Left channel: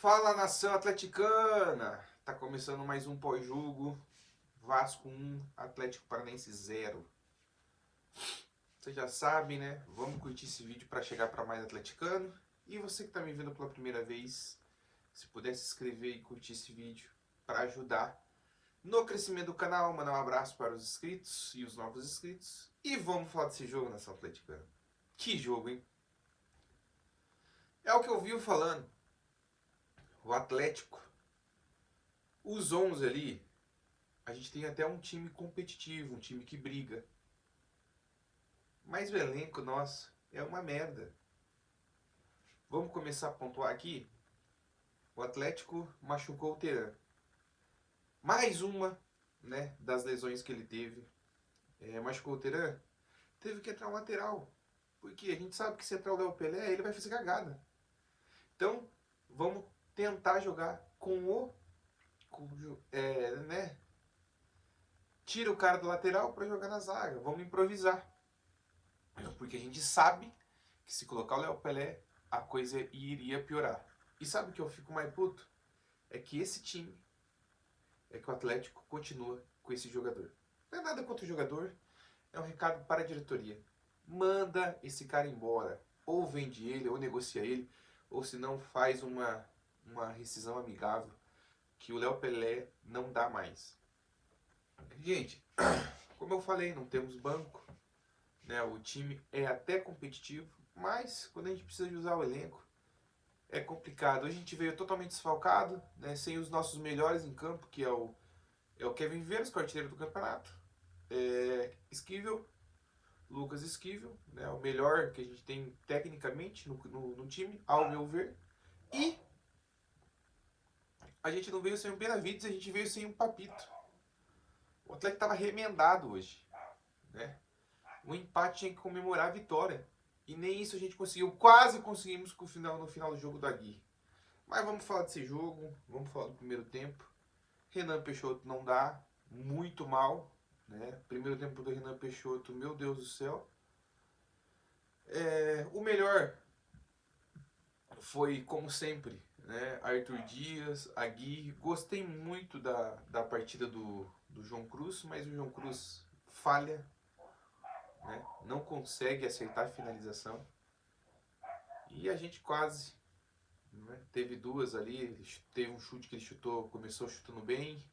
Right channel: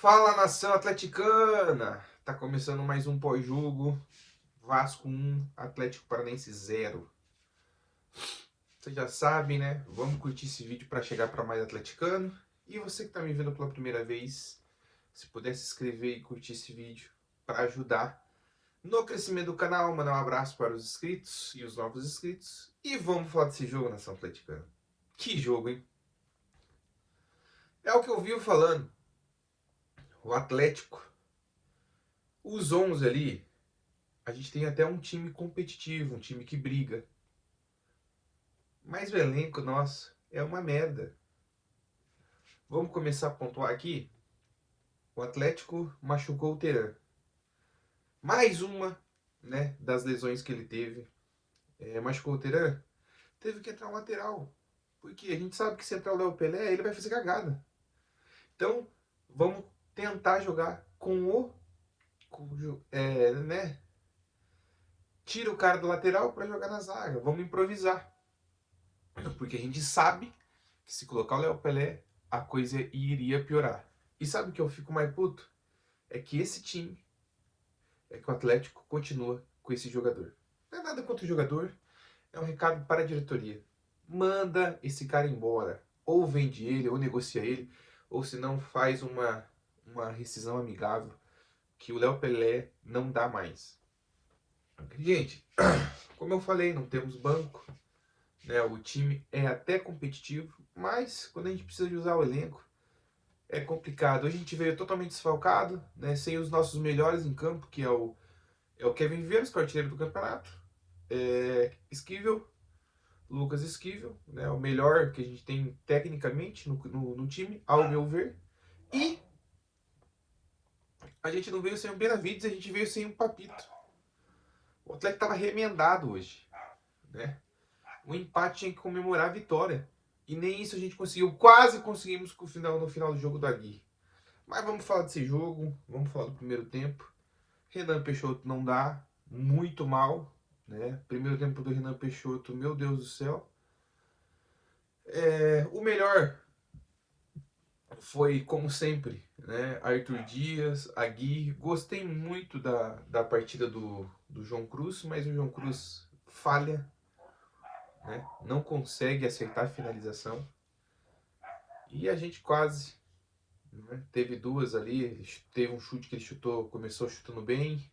Fala, nação atleticana! Tá começando mais um pós-jogo. Vasco 1, Atlético Paranaense 0. Você já sabe, né? Vamos curtir esse vídeo para chegar para mais atleticano. E você que tá me vendo pela primeira vez, se puder se inscrever e curtir esse vídeo para ajudar no crescimento do canal, mandar um abraço para os inscritos e os novos inscritos. E vamos falar desse jogo, nação atleticana. Que jogo, hein? É o que eu vi falando. O Atlético, os 11 ali, a gente tem até um time competitivo, um time que briga. Mas o elenco, nossa, é uma merda. Vamos começar a pontuar aqui. O Atlético machucou o Terã. Mais uma, né, das lesões que ele teve. Machucou o Terã. Teve que entrar um lateral. Porque a gente sabe que se entrar o Léo Pelé, ele vai fazer cagada. Então, vamos tentar jogar né? Tira o cara do lateral para jogar na zaga. Vamos improvisar. Porque a gente sabe que se colocar o Léo Pelé, a coisa iria piorar. E sabe o que eu fico mais puto? É que esse time, é que o Atlético continua com esse jogador. Não é nada contra o jogador, é um recado para a diretoria. Manda esse cara embora. Ou vende ele, ou negocia ele, ou se não faz uma rescisão amigável, que o Léo Pelé não dá mais. Gente, como eu falei, não temos banco, né? O time é até competitivo, mas quando a gente precisa de usar o elenco, é complicado. Hoje a gente veio totalmente desfalcado, né? Sem os nossos melhores em campo, que é o Kevin Viveiros, que é o artilheiro do campeonato. Esquivel, Lucas Esquivel, né? O melhor que a gente tem tecnicamente no time, ao meu ver. E a gente não veio sem o Benavides, a gente veio sem o Papito. O Atlético estava remendado hoje, né? O empate tinha que comemorar a vitória. E nem isso a gente conseguiu. Quase conseguimos no final do jogo da Gui. Mas vamos falar desse jogo, vamos falar do primeiro tempo. Renan Peixoto não dá, muito mal, né? Primeiro tempo do Renan Peixoto, meu Deus do céu. O melhor foi, como sempre, né? Arthur Dias, Agui. Gostei muito da partida do João Cruz, mas o João Cruz falha, né? Não consegue acertar a finalização. E a gente quase, né? Teve duas ali, teve um chute que ele chutou, começou chutando bem.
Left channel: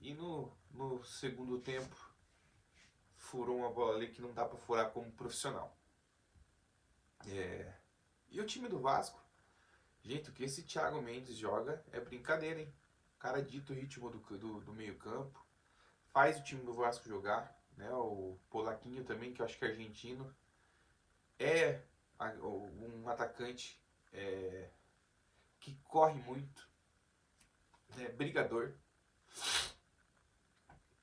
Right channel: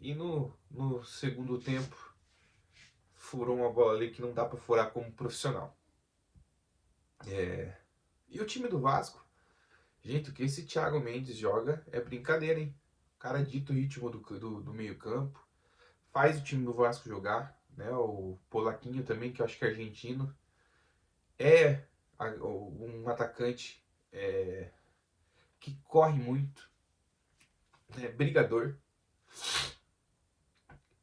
E no segundo tempo furou uma bola ali que não dá para furar como profissional. E o time do Vasco, gente, o que esse Thiago Mendes joga é brincadeira, hein? O cara dita o ritmo do meio campo, faz o time do Vasco jogar, né? O Polaquinho também, que eu acho que é argentino, é um atacante que corre muito, né? Brigador.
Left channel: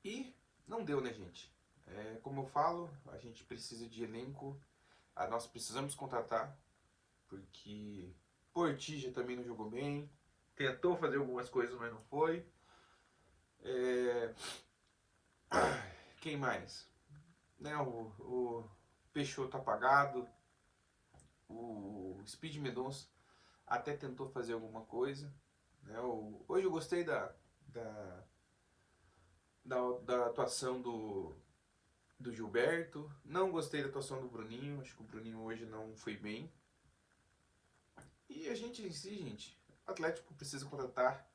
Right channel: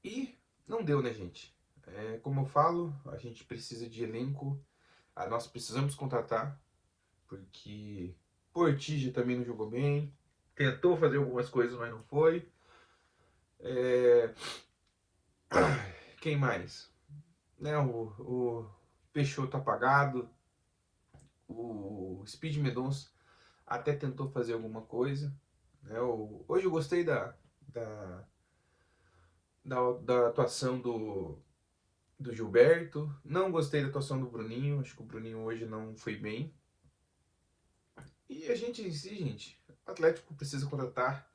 E não deu, né, gente? Como eu falo, a gente precisa de elenco, nós precisamos contratar, porque Portigi também não jogou bem, tentou fazer algumas coisas, mas não foi. Quem mais? Né, o Peixoto apagado, o Speed Mendonça até tentou fazer alguma coisa. Né, hoje eu gostei da, da atuação do Gilberto, não gostei da atuação do Bruninho, acho que o Bruninho hoje não foi bem. E a gente em si, gente, o Atlético precisa contratar.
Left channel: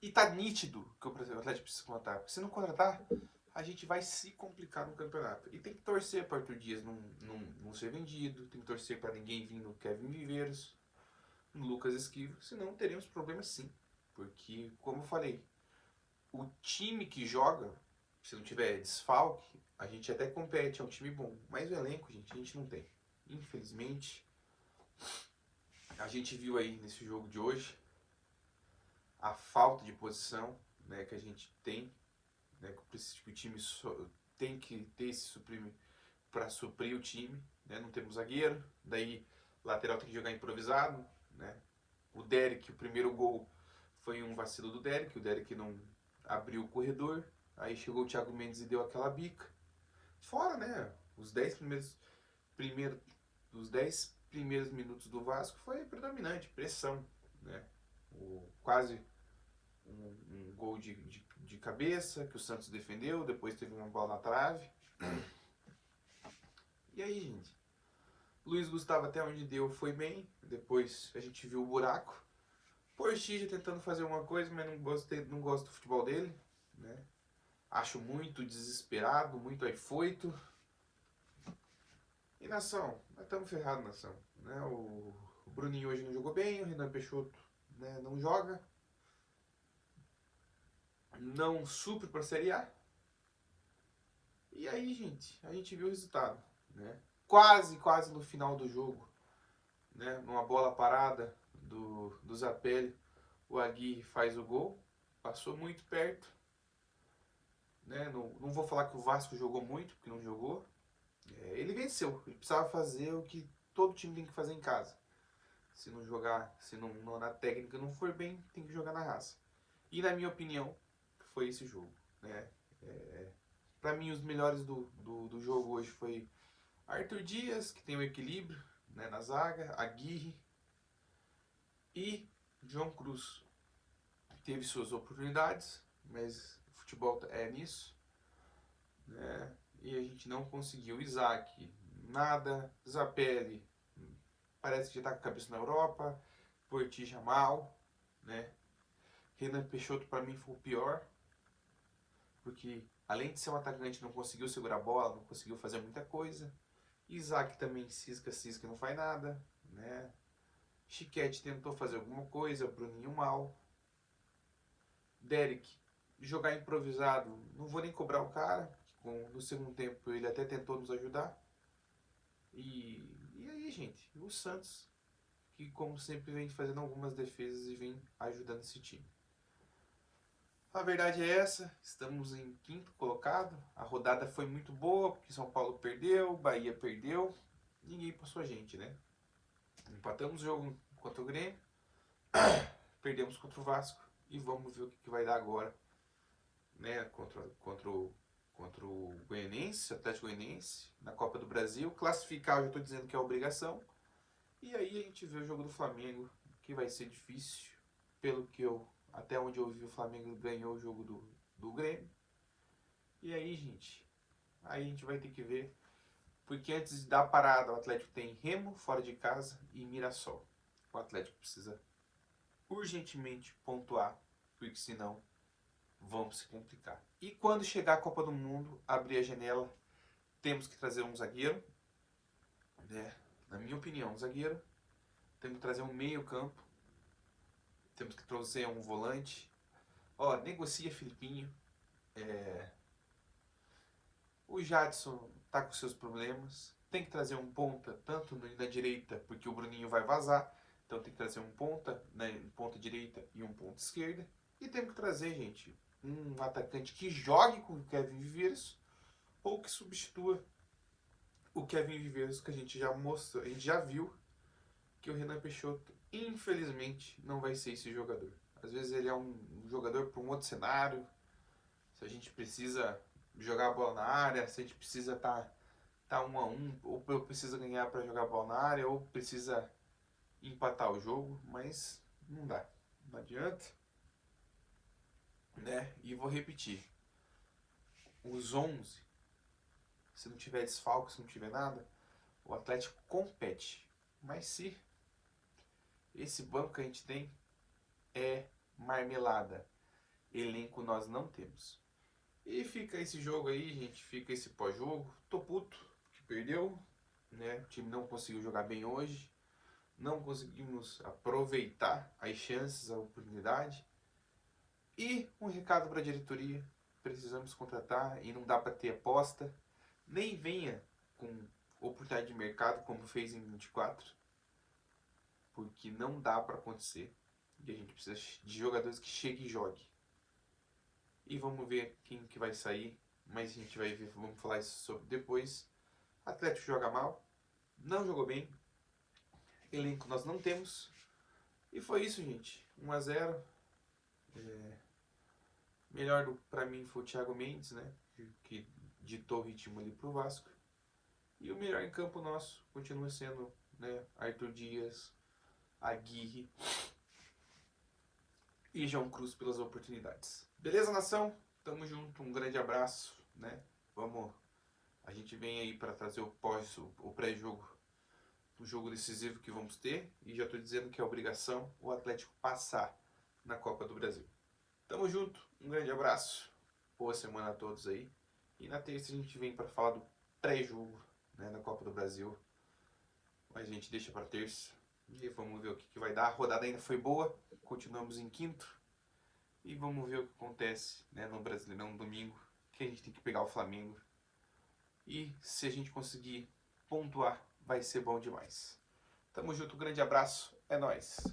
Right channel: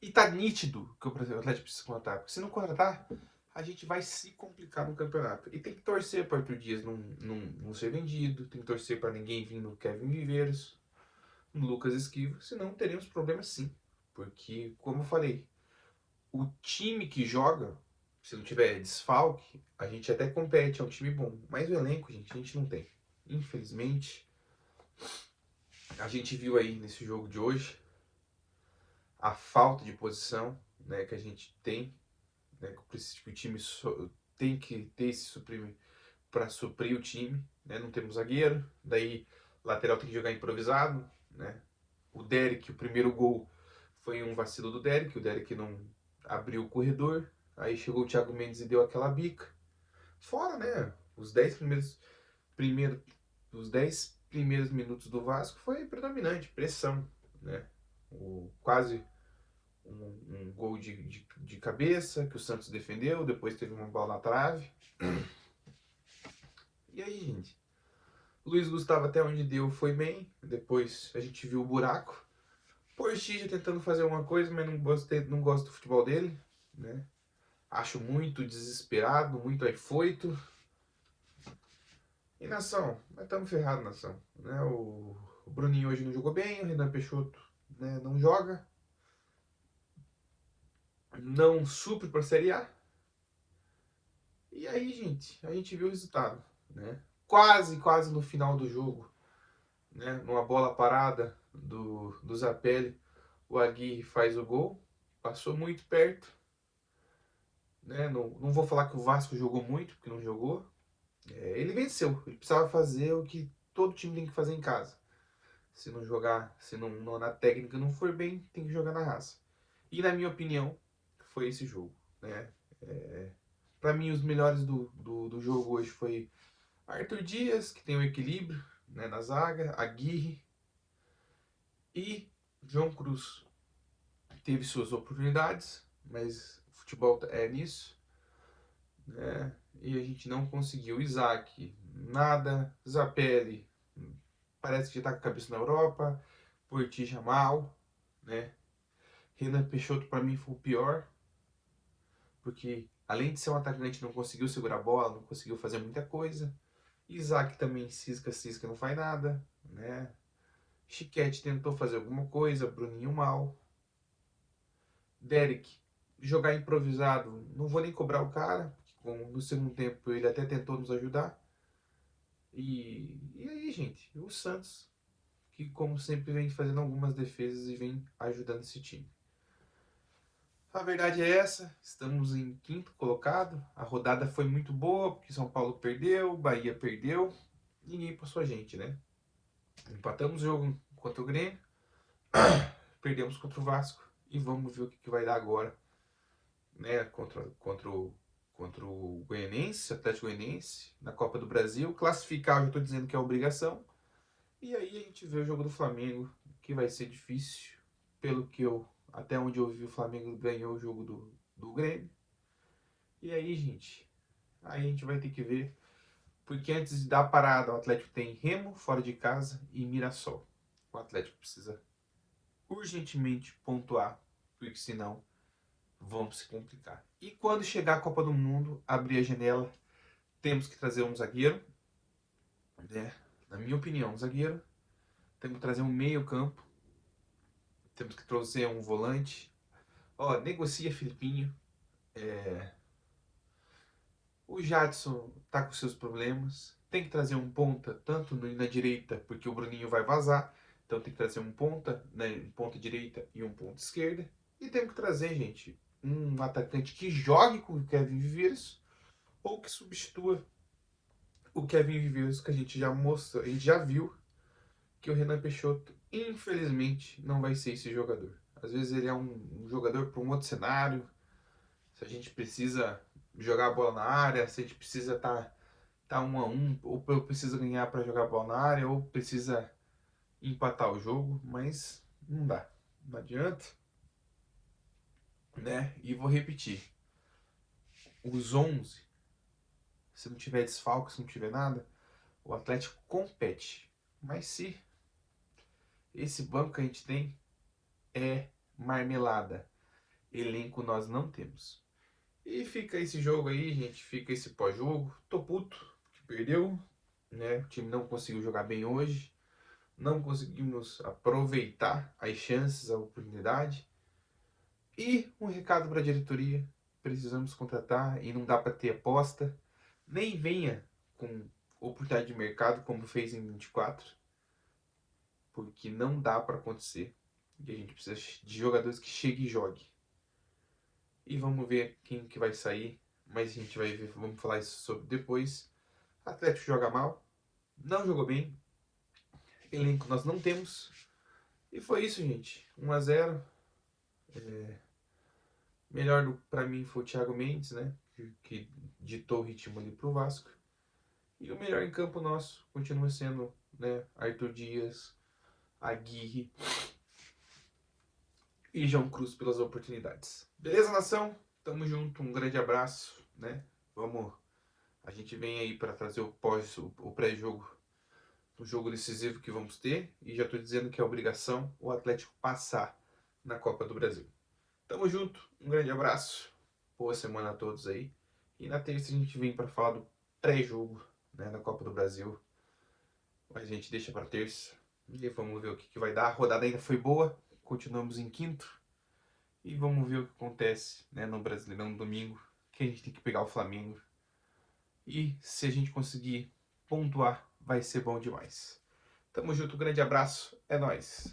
E tá nítido que o Atlético precisa contratar. Porque se não contratar, a gente vai se complicar no campeonato. E tem que torcer para o Arthur Dias não ser vendido. Tem que torcer para ninguém vir no Kevin Viveiros, no Lucas Esquivo. Senão teremos problemas sim. Porque, como eu falei, o time que joga, se não tiver desfalque, a gente até compete, é um time bom. Mas o elenco, gente, a gente não tem. Infelizmente, a gente viu aí nesse jogo de hoje a falta de posição, né, que a gente tem, né, que o time tem que ter esse suprimento para suprir o time, né? Não temos zagueiro, daí lateral tem que jogar improvisado, né? O Derek, o primeiro gol foi um vacilo do Derek, o Derek não abriu o corredor, aí chegou o Thiago Mendes e deu aquela bica. Fora, né, os 10 primeiros minutos do Vasco foi predominante, pressão, né? Quase um gol de cabeça que o Santos defendeu, depois teve uma bola na trave. E aí, gente? Luiz Gustavo até onde deu foi bem, depois a gente viu o buraco. Portilla tentando fazer alguma coisa, mas não gosto do futebol dele, né? Acho muito desesperado, muito afoito. E nação, nós estamos ferrados, nação. Né? O Bruninho hoje não jogou bem, o Renan Peixoto, né, não joga. Não supre para a Série A. E aí, gente, a gente viu o resultado, né? Quase no final do jogo, né? Numa bola parada do Zapelli, o Aguirre faz o gol. Passou muito perto. Né? Não vou falar que o Vasco jogou muito, porque não jogou. Ele venceu. Ele precisava fazer o que todo time tem que fazer em casa. Se não jogar, se não na técnica não for bem, tem que jogar na raça. E na minha opinião, foi esse jogo. Né? Para mim, os melhores do jogo hoje foi Arthur Dias, que tem um equilíbrio, né, na zaga, Aguirre e João Cruz. Teve suas oportunidades, mas o futebol é nisso. Né? E a gente não conseguiu. Isaac, nada. Zapelli, parece que já tá com a cabeça na Europa. Portilla mal, né? Renan Peixoto para mim foi o pior, porque além de ser um atacante não conseguiu segurar a bola, não conseguiu fazer muita coisa. Isaac também cisca, não faz nada, né? Chiquete tentou fazer alguma coisa, Bruninho mal. Derek, jogar improvisado, não vou nem cobrar o cara, porque no segundo tempo ele até tentou nos ajudar. E aí, gente, o Santos, que como sempre vem fazendo algumas defesas e vem ajudando esse time. A verdade é essa, estamos em quinto colocado, a rodada foi muito boa, porque São Paulo perdeu, Bahia perdeu, ninguém passou a gente, né? Empatamos o jogo contra o Grêmio, perdemos contra o Vasco e vamos ver o que vai dar agora, né? Contra o Goianense, Atlético Goianense, na Copa do Brasil. Classificar, eu já estou dizendo que é obrigação. E aí a gente vê o jogo do Flamengo, que vai ser difícil, pelo que até onde eu vi, o Flamengo ganhou o jogo do Grêmio. E aí, gente, aí a gente vai ter que ver, porque antes da parada o Atlético tem Remo fora de casa e Mirassol. O Atlético precisa urgentemente pontuar, porque senão vamos se complicar. E quando chegar a Copa do Mundo, abrir a janela, temos que trazer um zagueiro, né? Na minha opinião, um zagueiro. Temos que trazer um meio campo. Temos que trazer um volante. Negocia Filipinho. O Jadson tá com seus problemas. Tem que trazer um ponta, tanto na direita, porque o Bruninho vai vazar. Então tem que trazer um ponta, né, um ponta direita e um ponta esquerda. E temos que trazer, gente, um atacante que jogue com o Kevin Viveiros ou que substitua o Kevin Viveiros, que a gente já mostrou, a gente já viu que o Renan Peixoto, infelizmente, não vai ser esse jogador. Às vezes ele é um jogador para um outro cenário. Se a gente precisa jogar a bola na área, se a gente precisa tá 1-1, ou precisa ganhar para jogar a bola na área, ou precisa empatar o jogo, mas não dá. Não adianta. Né? E vou repetir. Os 11, se não tiver desfalque, se não tiver nada, o Atlético compete. Mas se esse banco que a gente tem é marmelada, elenco nós não temos. E fica esse jogo aí, gente, fica esse pós-jogo. Tô puto que perdeu, né? O time não conseguiu jogar bem hoje. Não conseguimos aproveitar as chances, a oportunidade. E um recado para a diretoria: precisamos contratar e não dá para ter aposta. Nem venha com oportunidade de mercado como fez em 24, porque não dá para acontecer. E a gente precisa de jogadores que cheguem e joguem. E vamos ver quem que vai sair, mas a gente vai ver, vamos falar isso sobre depois. O Atlético joga mal, não jogou bem, elenco nós não temos. E foi isso, gente. 1-0. Melhor para mim foi o Thiago Mendes, né? Que ditou o ritmo ali pro Vasco. E o melhor em campo nosso continua sendo né? Arthur Dias, Aguirre e João Cruz pelas oportunidades. Beleza, nação? Tamo junto, um grande abraço, né? A gente vem aí para trazer o pré-jogo, o jogo decisivo que vamos ter, e já tô dizendo que é obrigação o Atlético passar na Copa do Brasil. Tamo junto, um grande abraço, boa semana a todos aí. E na terça a gente vem para falar do pré-jogo, né, da Copa do Brasil. Mas a gente deixa para terça e vamos ver o que vai dar. A rodada ainda foi boa, continuamos em quinto. E vamos ver o que acontece, né, no Brasileirão no domingo, que a gente tem que pegar o Flamengo. E se a gente conseguir pontuar, vai ser bom demais. Tamo junto, um grande abraço, é nóis.